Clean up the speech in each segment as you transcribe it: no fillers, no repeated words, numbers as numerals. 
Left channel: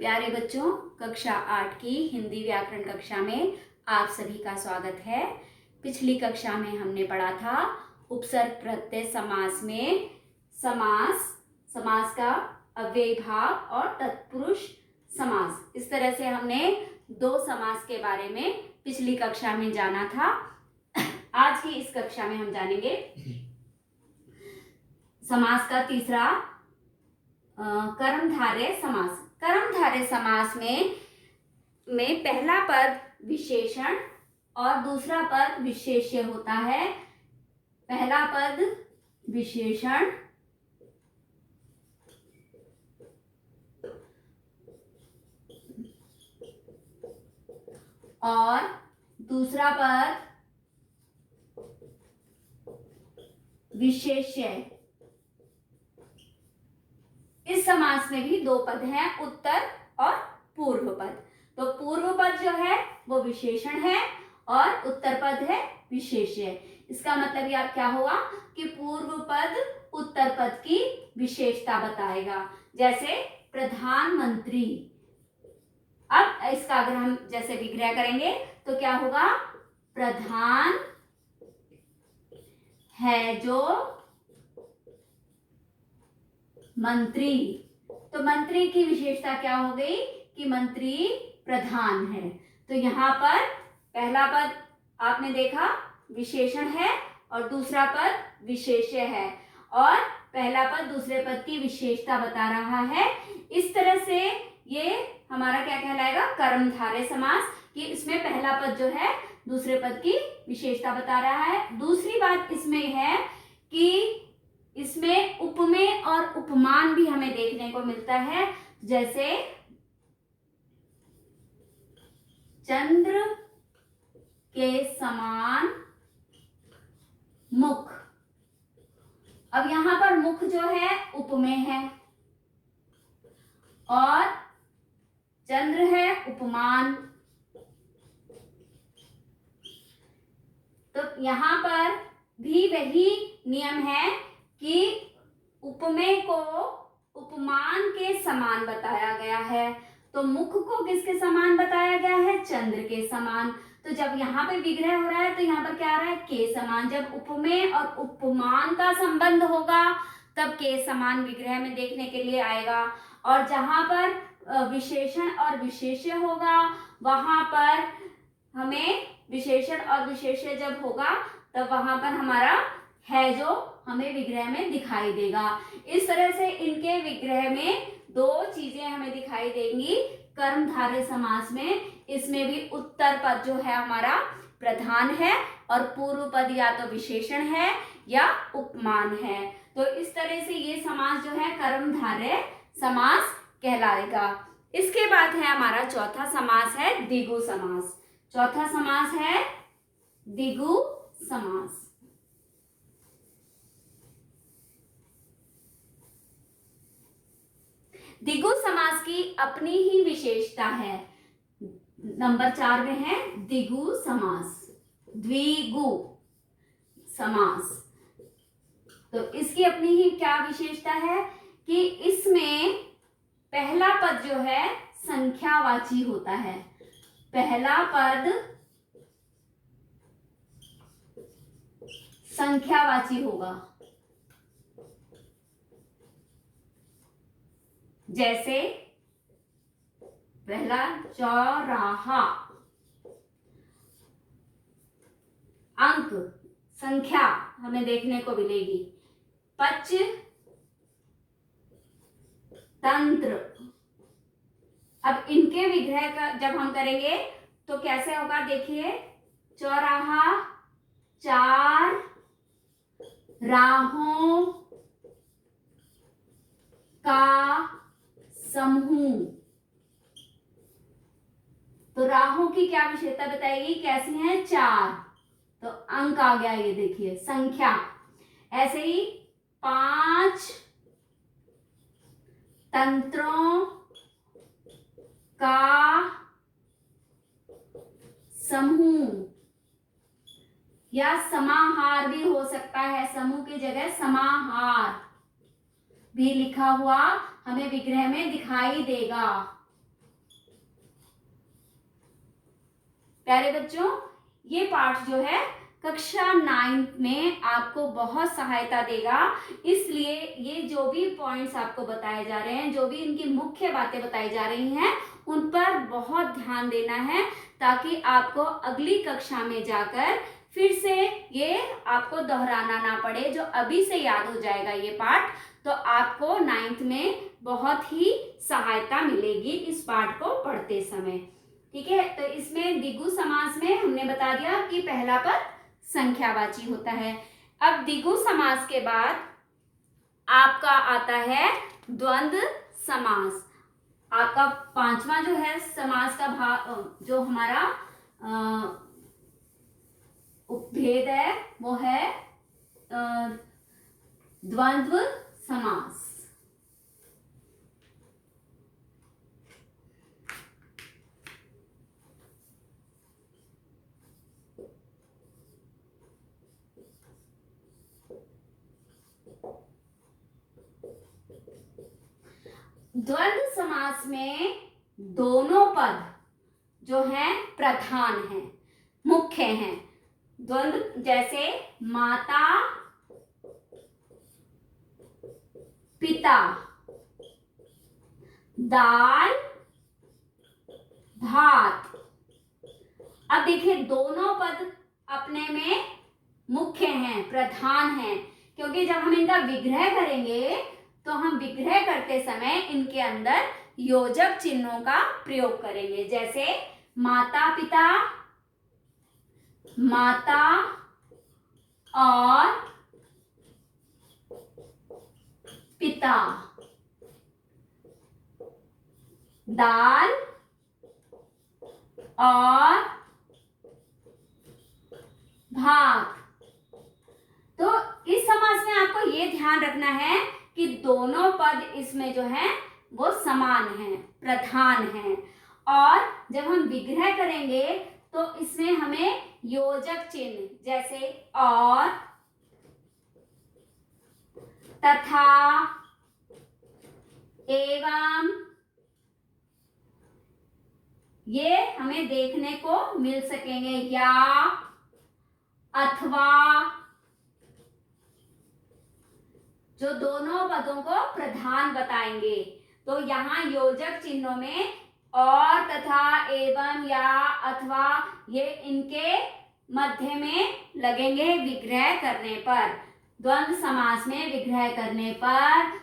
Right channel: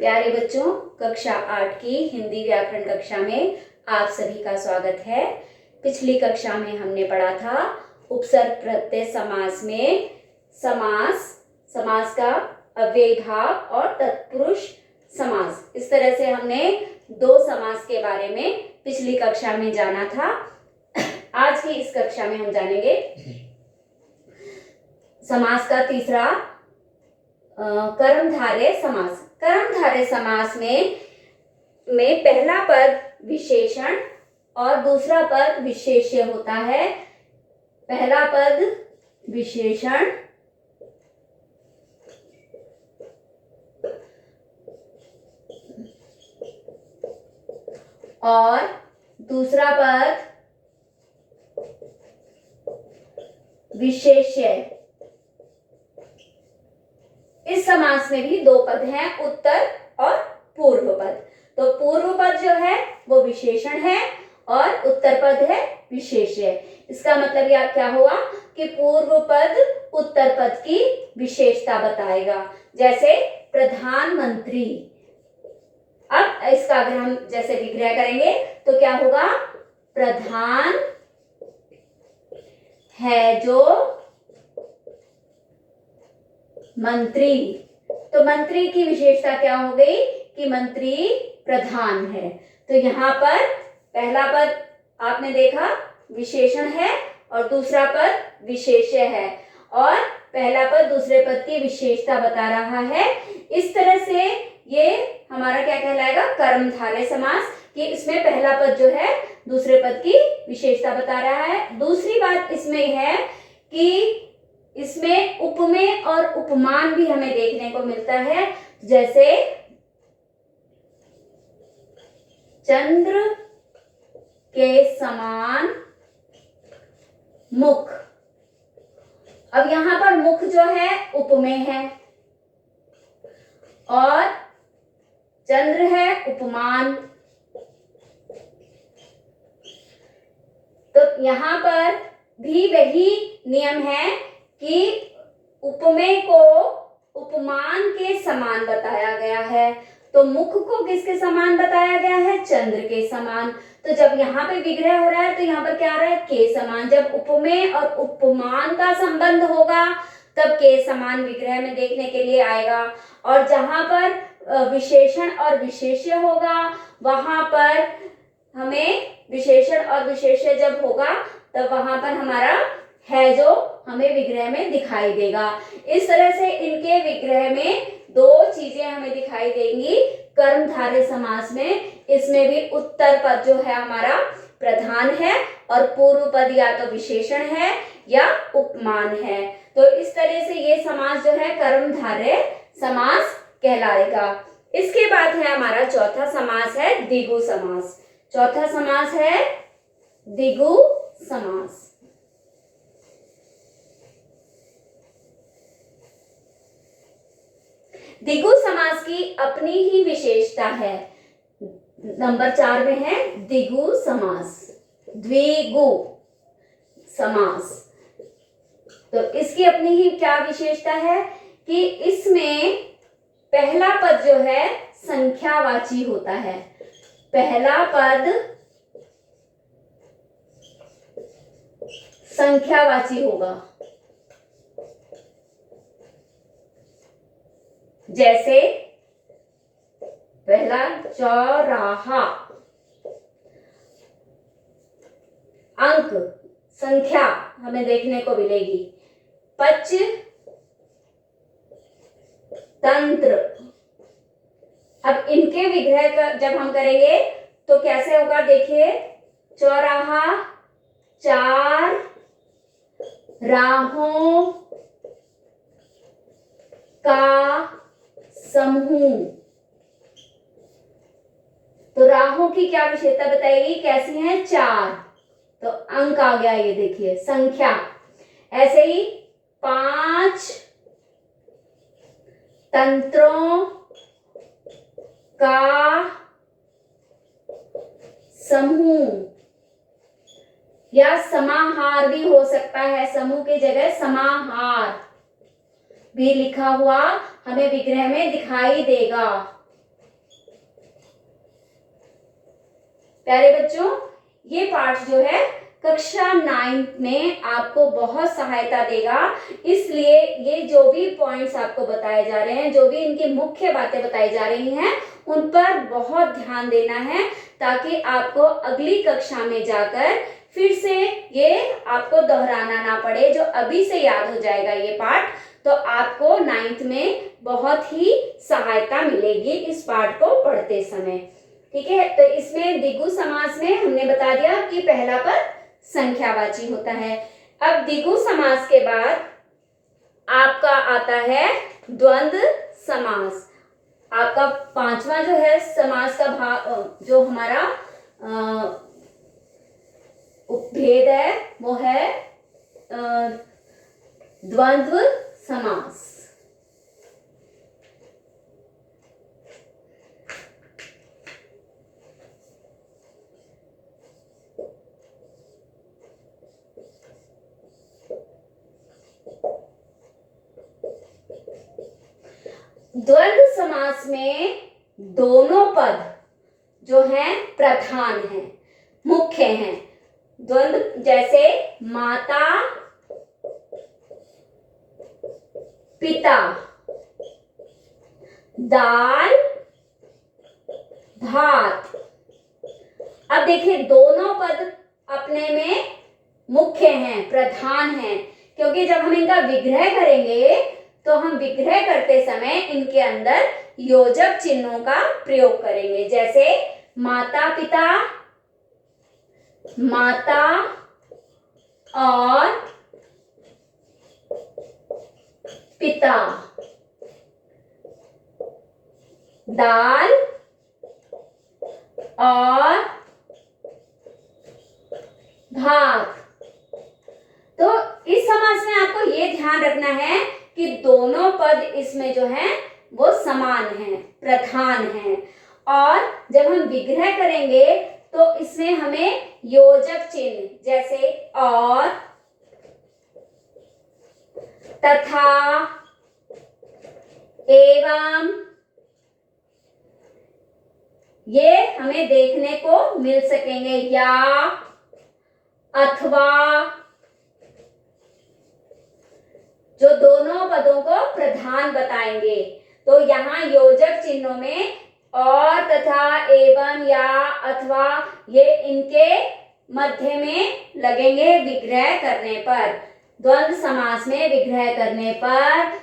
प्यारे बच्चों, कक्षा 8 की हिंदी व्याकरण कक्षा में आप सभी का स्वागत है। पिछली कक्षा में हमने पढ़ा था उपसर्ग प्रत्यय समास में समास का अव्ययी भाव और तत्पुरुष समास। इस तरह से हमने दो समास के बारे में पिछली कक्षा में जाना था। आज की इस कक्षा में हम जानेंगे समास का तीसरा कर्मधारय समास। कर्मधारय समास में पहला पद विशेषण और दूसरा पद विशेष्य होता है। पहला पद विशेषण और दूसरा पद विशेष्य। इस समास में भी दो पद हैं, उत्तर और पूर्व पद। तो पूर्व पद जो है वो विशेषण है और उत्तर पद है विशेष्य। इसका मतलब यह क्या हुआ कि पूर्व पद उत्तर पद की विशेषता बताएगा। जैसे प्रधानमंत्री, अब इसका अगर हम जैसे विग्रह करेंगे तो क्या होगा, प्रधान है जो मंत्री। तो मंत्री की विशेषता क्या हो गई कि मंत्री प्रधान है। तो यहाँ पर पहला पद आपने देखा विशेषण है और दूसरा पद विशेष्य है और पहला पद दूसरे पद की विशेषता बता रहा है। इस तरह से ये हमारा क्या कहलाएगा, कर्मधारय समास, कि इसमें पहला पद जो है दूसरे पद की विशेषता बता रहा है। दूसरी बात इसमें है कि इसमें उपमेय और उपमान भी हमें देखने को मिलता है। जैसे चंद्र के समान मुख। अब यहां पर मुख जो है उपमेय है और चंद्र है उपमान। तो यहां पर भी वही नियम है कि उपमेय को उपमान के समान बताया गया है। तो मुख को किसके समान बताया गया है, चंद्र के समान। तो जब यहाँ पे विग्रह हो रहा है तो यहाँ पर क्या आ रहा है, के समान। जब उपमेय और उपमान का संबंध होगा तब के समान विग्रह में देखने के लिए आएगा। और जहां पर विशेषण और विशेष्य होगा वहां पर हमें विशेषण और विशेष्य जब होगा तब वहां पर हमारा है जो हमें विग्रह में दिखाई देगा। इस तरह से इनके विग्रह में दो चीजें हमें दिखाई देंगी कर्मधारय समास में। इसमें भी उत्तर पद जो है हमारा प्रधान है और पूर्व पद या तो विशेषण है या उपमान है। तो इस तरह से ये समास जो है कर्मधारय समास कहलाएगा। इसके बाद है हमारा चौथा समास है द्विगु समास। चौथा समास है द्विगु समास। द्विगु समास की अपनी ही विशेषता है। नंबर 4 में है द्विगु समास, द्विगु समास। तो इसकी अपनी ही क्या विशेषता है कि इसमें पहला पद जो है संख्यावाची होता है। पहला पद संख्यावाची होगा। जैसे पहला चौराहा, अंक संख्या हमें देखने को मिलेगी। पच तंत्र। अब इनके विग्रह का जब हम करेंगे तो कैसे होगा, देखिए, चौराहा चार राहों का समूह। तो राहों की क्या विशेषता बताएगी, कैसी है, चार। तो अंक आ गया, ये देखिए संख्या। ऐसे ही 5 तंत्रों का समूह या समाहार भी हो सकता है। समूह की जगह समाहार भी लिखा हुआ हमें विग्रह में दिखाई देगा। प्यारे बच्चों, ये पाठ जो है कक्षा 9 में आपको बहुत सहायता देगा। इसलिए ये जो भी पॉइंट्स आपको बताए जा रहे हैं, जो भी इनकी मुख्य बातें बताई जा रही हैं, उन पर बहुत ध्यान देना है, ताकि आपको अगली कक्षा में जाकर फिर से ये आपको दोहराना ना पड़े। जो अभी से याद हो जाएगा ये पाठ, तो आपको 9th में बहुत ही सहायता मिलेगी इस पाठ को पढ़ते समय। ठीक है, तो इसमें द्विगु समास में हमने बता दिया कि पहला पद संख्यावाची होता है। अब द्विगु समास के बाद आपका आता है द्वंद्व समास। आपका 5वां जो है समास का भाग, जो हमारा उपभेद है, वो है द्वंद्व समास। द्वंद्व समास में दोनों पद जो हैं प्रधान हैं, मुख्य हैं। द्वंद्व जैसे माता पिता, दाल भात। अब देखिए, दोनों पद अपने में मुख्य हैं, प्रधान हैं, क्योंकि जब हम इनका विग्रह करेंगे तो हम विग्रह करते समय इनके अंदर योजक चिन्हों का प्रयोग करेंगे। जैसे माता पिता, माता और पिता, दाल और भात। तो इस समास में आपको ये ध्यान रखना है कि दोनों पद इसमें जो हैं वो समान हैं, प्रधान हैं। और जब हम विग्रह करेंगे तो इसमें हमें योजक चिन्ह जैसे और, तथा, एवं, ये हमें देखने को मिल सकेंगे, या, अथवा, जो दोनों पदों को प्रधान बताएंगे। तो यहाँ योजक चिन्हों में और, तथा, एवं, या, अथवा, ये इनके मध्य में लगेंगे विग्रह करने पर। द्वंद्व समास में विग्रह करने पर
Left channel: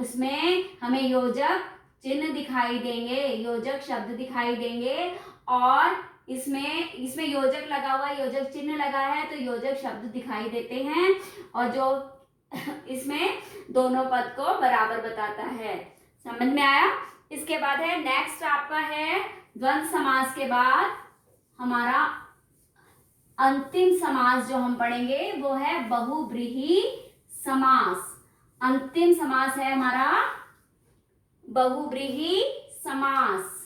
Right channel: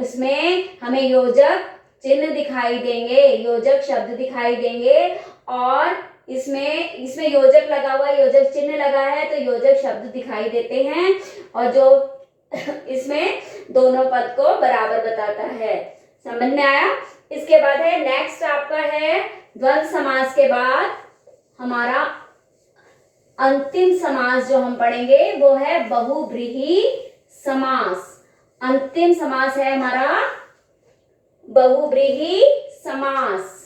इसमें हमें योजक चिन्ह दिखाई देंगे, योजक शब्द दिखाई देंगे। और इसमें योजक लगा हुआ है, योजक चिन्ह लगा है, तो योजक शब्द दिखाई देते हैं। और जो इसमें दोनों पद को बराबर बताता है। समझ में आया? इसके बाद है नेक्स्ट आपका है द्वंद्व समास के बाद हमारा अंतिम समास जो हम पढ़ेंगे वो है बहुव्रीहि समास। अंतिम समास है हमारा बहुव्रीहि समास।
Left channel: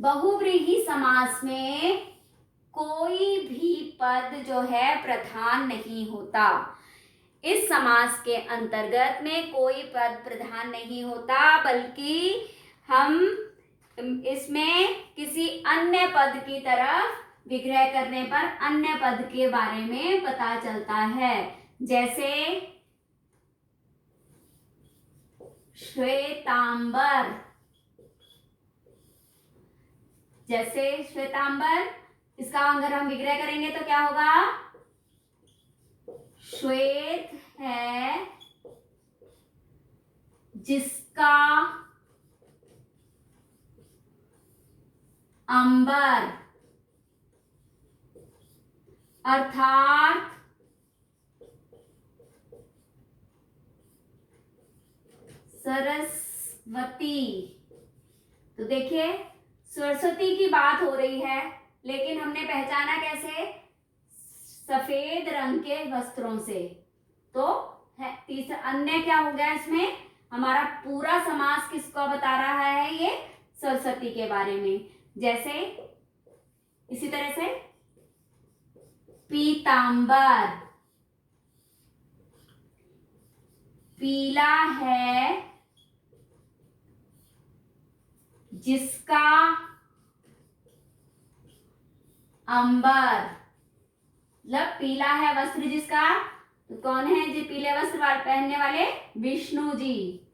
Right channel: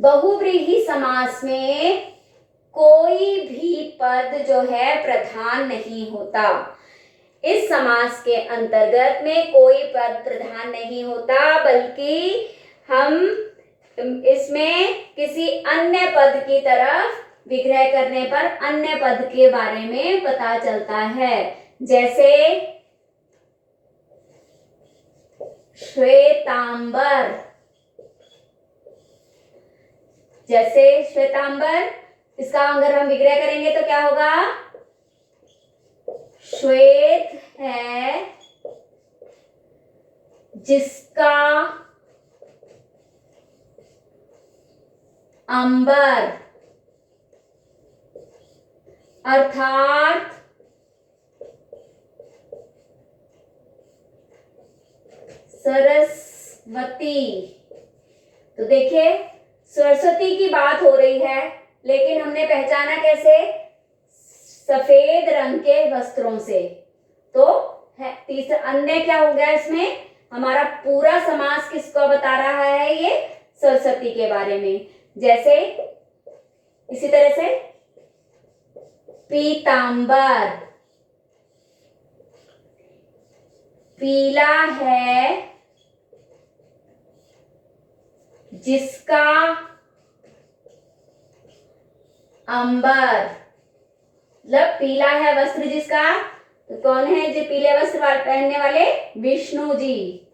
बहुव्रीहि समास में कोई भी पद जो है प्रधान नहीं होता। इस समास के अंतर्गत में कोई पद प्रधान नहीं होता, बल्कि हम इसमें किसी अन्य पद की तरफ विग्रह करने पर अन्य पद के बारे में पता चलता है। जैसे श्वेतांबर, जैसे श्वेतांबर, इसका अगर हम विग्रह करेंगे तो क्या होगा? श्वेत है जिसका अंबर, अर्थात सरस्वती। तो देखिए, सरस्वती की बात हो रही है, लेकिन हमने पहचाना कैसे? सफेद रंग के वस्त्रों से। तो तीसरा अन्य क्या हो गया? इसमें हमारा पूरा समास किसको बता रहा है? ये सरस्वती के बारे में। जैसे इसी तरह से पीतांबर, पीला है जिसका अंबर, मतलब पीला है वस्त्र जिसका, तो कौन है जो पीले वस्त्र पहनने वाले? विष्णु जी।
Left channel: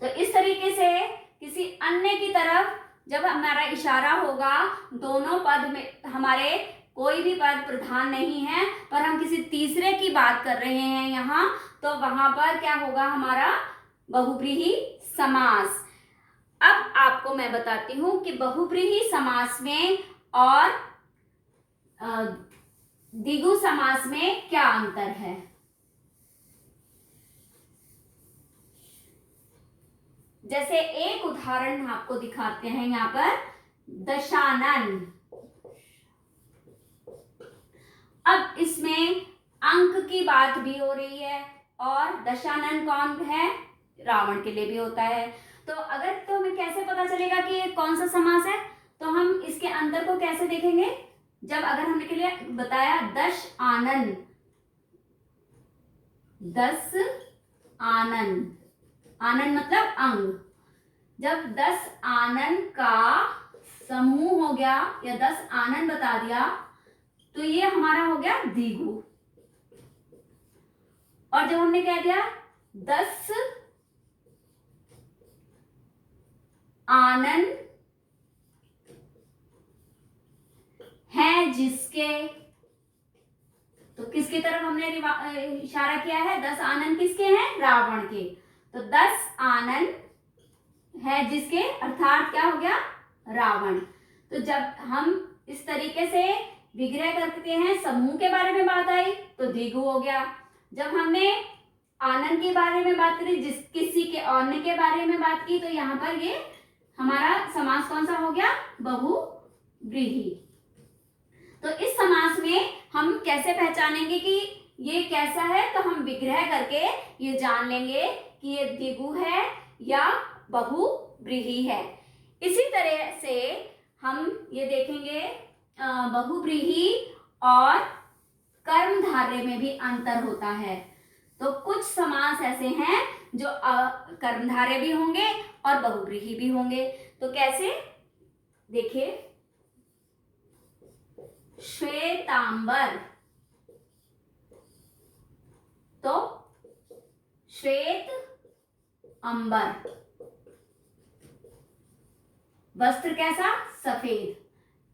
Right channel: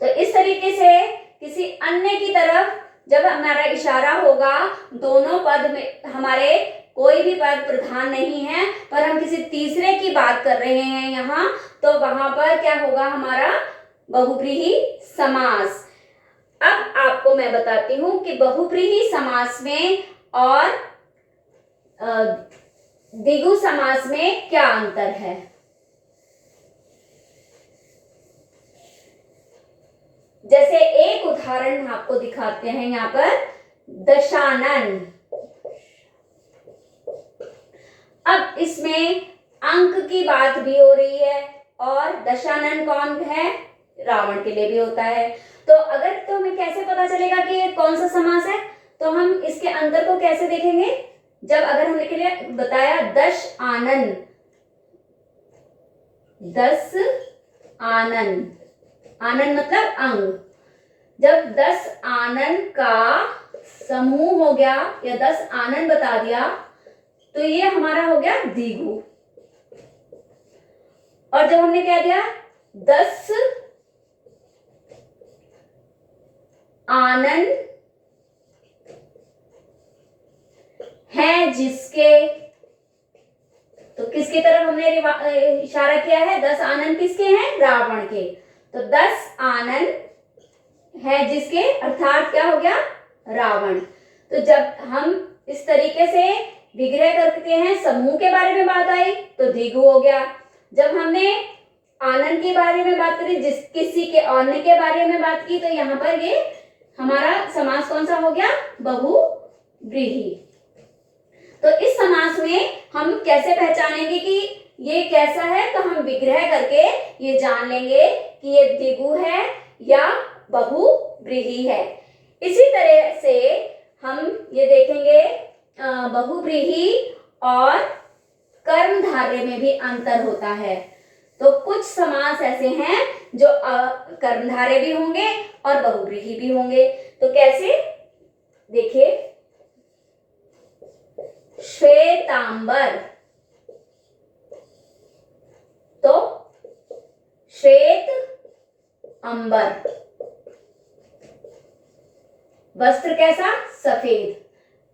तो इस तरीके से किसी अन्य की तरफ जब हमारा इशारा होगा, दोनों पद में हमारे कोई भी पद प्रधान नहीं है, पर हम किसी तीसरे की बात कर रहे हैं यहाँ, तो वहां पर क्या होगा? हमारा बहुव्रीहि समास। अब आपको मैं बताती हूं कि बहुव्रीहि समास में और द्विगु समास में क्या अंतर है। जैसे एक उदाहरण आपको दिखाते हैं यहाँ पर, दशानन। अब इसमें अंक की बात भी हो रही है, और दशानन कौन है? रावण के लिए भी होता है। तो अगर तो हमें कैसे पता चलेगा कि ये कौन सा समास है? तो हम इसके अंतर को कैसे देखेंगे? जब अगर हमने के लिए बताया दश आनन, दस आनन, आनन मतलब अंग, जब 10 आनन का समूह हो गया या 10 आनन बता दिया, तो ये हमारा हो गया द्विगु। और जब हमने क्या दिया? 10 आनन है जिसके, तो किसकी तरफ हमने इशारा किया है? 10 आनन किसके हैं? रावण के। तो 10 आनन है जिसके, अर्थात क्या हो गया? रावण। तो जब हम इस तरीके से विग्रह करते हैं, समूह के बारे में बात आई तो द्विगु हो गया। जब हमने आनंद के बारे में बात करी, जिस किसी के अन्य के बारे में बात की, तो यहाँ पर ये हमारा समास कौन सा हो गया? बहुव्रीहि। तो इस समास में हम कैसे पहचानेंगे कि ये कैसा है? तो हम विग्रह करके ये जान लेंगे कि ये द्विगु है या बहुव्रीहि है। इसी तरह से हम ये देखेंगे बहुव्रीहि और कर्मधारय में भी अंतर होता है। तो कुछ समास ऐसे हैं जो कर्मधारय भी होंगे और बहुव्रीहि भी होंगे। तो कैसे? देखिए, श्वेतांबर, तो श्वेत अंबर, वस्त्र कैसा? सफेद।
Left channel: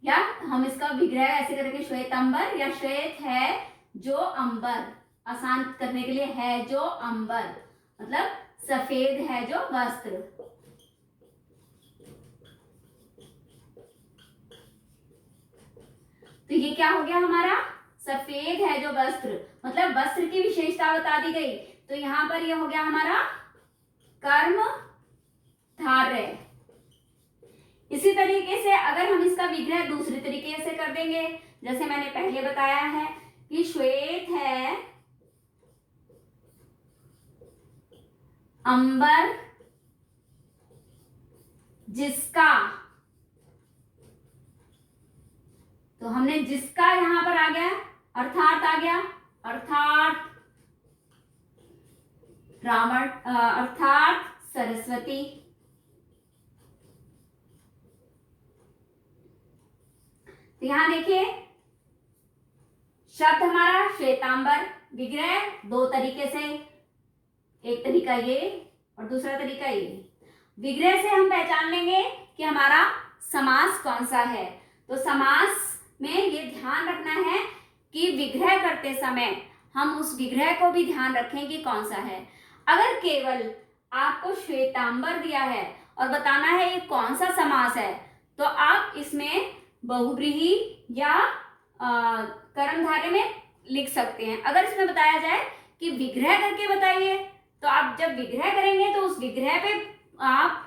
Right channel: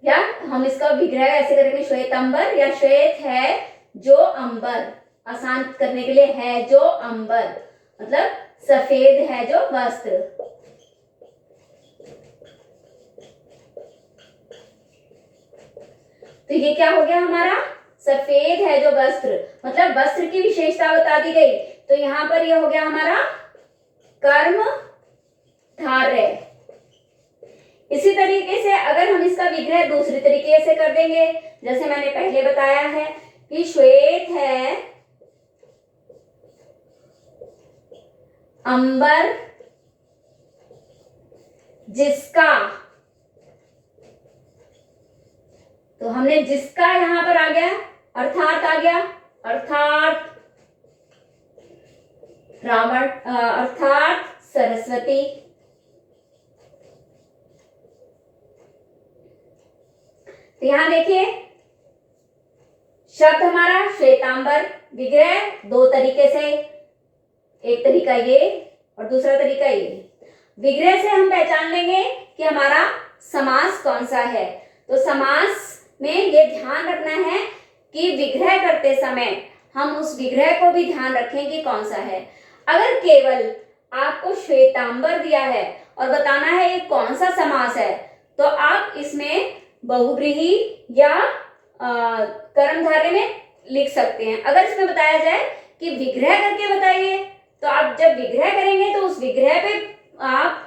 या हम इसका विग्रह ऐसे करेंगे, श्वेतांबर या श्वेत है जो अंबर, आसान करने के लिए है जो अंबर, मतलब सफेद है जो वस्त्र। तो ये क्या हो गया हमारा? सफेद है जो वस्त्र, मतलब वस्त्र की विशेषता बता दी गई। तो यहां पर ये हो गया हमारा कर्म धारय। इसी तरीके से अगर हम इसका विग्रह दूसरी तरीके से कर देंगे, जैसे मैंने पहले बताया है कि श्वेत है अंबर जिसका, तो हमने जिसका यहां पर आ गया, अर्थात आ गया, अर्थात रावण, अर्थात सरस्वती। तो यहां देखिए, शब्द हमारा श्वेतांबर, विग्रह दो तरीके से, एक तरीका ये और दूसरा तरीका ये। विग्रह से हम पहचान लेंगे कि हमारा समास कौन सा है। तो समास में ये ध्यान रखना है कि विग्रह करते समय हम उस विग्रह को भी ध्यान रखें कि कौन सा है। अगर केवल आपको श्वेतांबर दिया है और बताना है ये कौन सा समास है, तो आप इसमें बहुव्रीहि या कर्मधारय में लिख सकते हैं। अगर इसमें बताया जाए कि विग्रह करके बताइए, तो आप जब विग्रह करेंगे तो उस विग्रह पे आप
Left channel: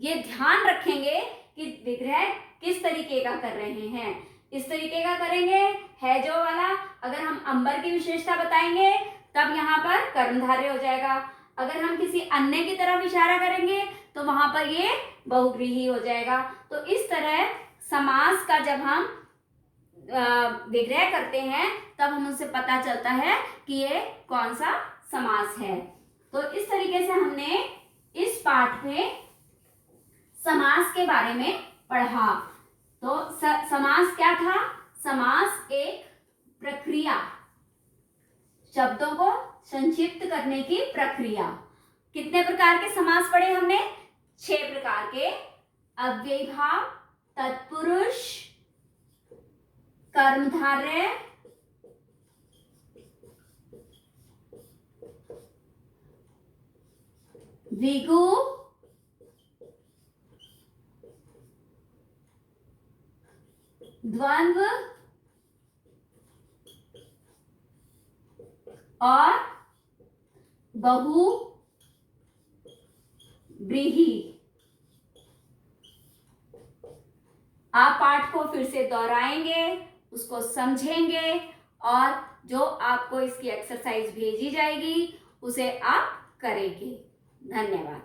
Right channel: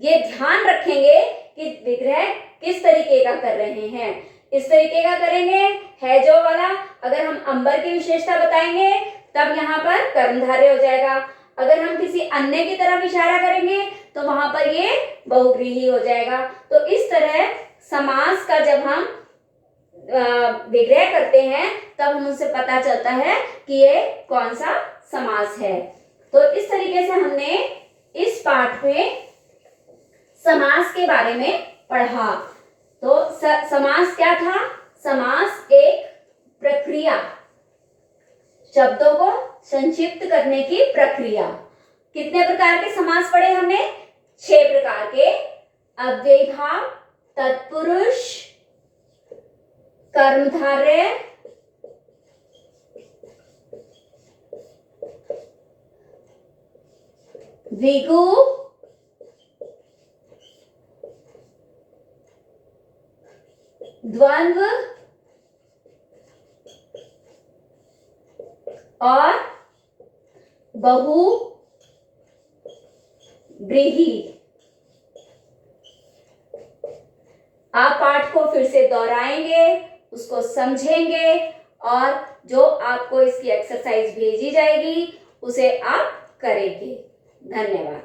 ये ध्यान रखेंगे कि विग्रह किस तरीके का कर रहे हैं। इस तरीके का करेंगे है जो वाला, अगर हम अंबर की विशेषता बताएंगे तब यहाँ पर कर्मधारय हो जाएगा। अगर हम किसी अन्य की तरफ इशारा करेंगे तो वहां पर ये बहुव्रीहि हो जाएगा। तो इस तरह समास का जब हम विग्रह करते हैं तब हम उससे पता चलता है कि ये कौन सा समास है। तो इस तरीके से हमने इस पाठ में समास के बारे में पढ़ा। तो समास क्या था? समास एक प्रक्रिया, शब्दों को संक्षिप्त करने की प्रक्रिया। कितने प्रकार के समास पढ़े हमने? 6 प्रकार के। अव्ययीभाव, तत्पुरुष, कर्मधारय, द्विगु, द्वंद्व और बहु व्रीहि। आप पाठ को फिर से दोहराएंगे, उसको समझेंगे और जो आपको इसकी एक्सरसाइज भेजी जाएगी उसे आप करेंगे। धन्यवाद।